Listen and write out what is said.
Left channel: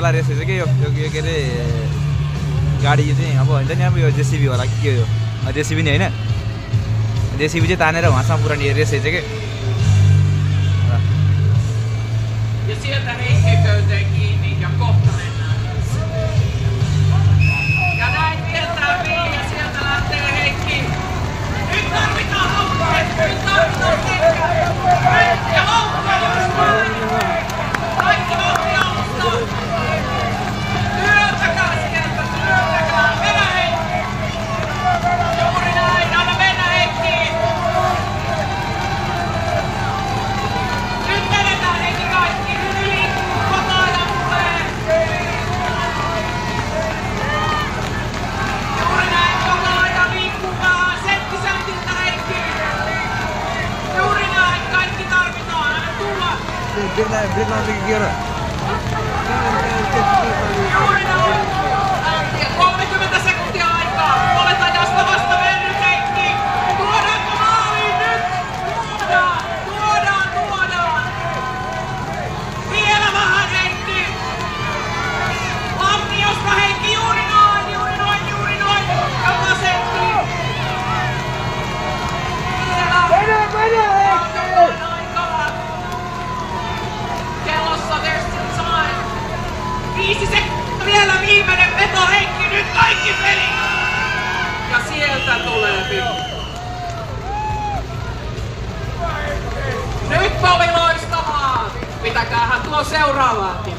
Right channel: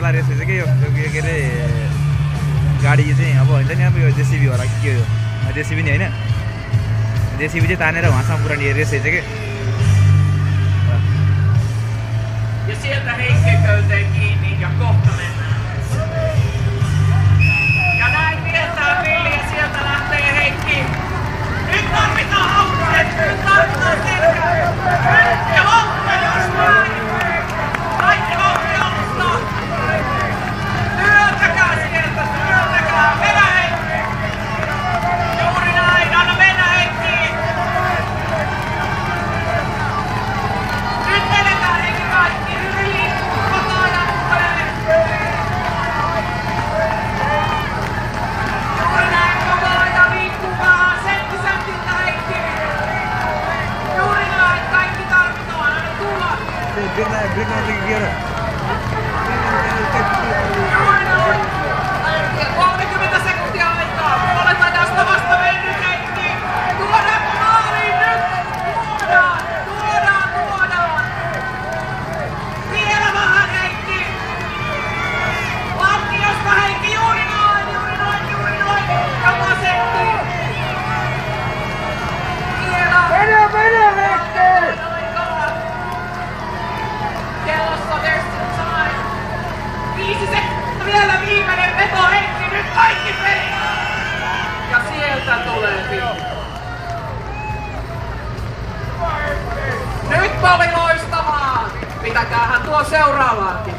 वाला रेस रहेछ कि यो के अरे गाडी चाहिँ अब हुन्छ नि अब यो जेसीबी होला के हो जेसीबी नि हैन जेसीबी चाहिँ तानेर वहाँसम्म पुर्याउने रेस रहेछ कि Ja sieltä heikkiköyteen kiinni ja kohta mennään. Ja näin kiertää Villi ja sieltä lähtee Heikki. Nyt tarvitaan haukkuja, nyt tarvitaan sekä. Nyt ja loukkuja jos päin. Kaikki vauhti alusta. Työntäkää sieltä, työntäkää. Mennä Heikki. Juuri näin, anna mennä Heikki. Nyt menetään Heikki kaikki. Yli kotaajan tulee. Juuri näin, kotaaja liikkuu vähän sentti Heikki. Juuri näin, kaikki tarvitaan, aina tulla. Juuri näin. 30 sekuntia aikaa. Puolet ajasta vasta mennyt Heikki. Tuodaanko maaliin nyt? Tuodaan. Vielä vähän Heikki. Lattiosta Heikki, juuri noin. Joka setti. Vielä. Mene Heikki. Aikaa. Kellossa there's still time. 5 sekuntia vielä viimeinen veto Heikki. Nyt kaikki peli. Ja sieltä tulee Villi. Nyt oli loistavaa! Pitäkäähän tuo seuraavaankin.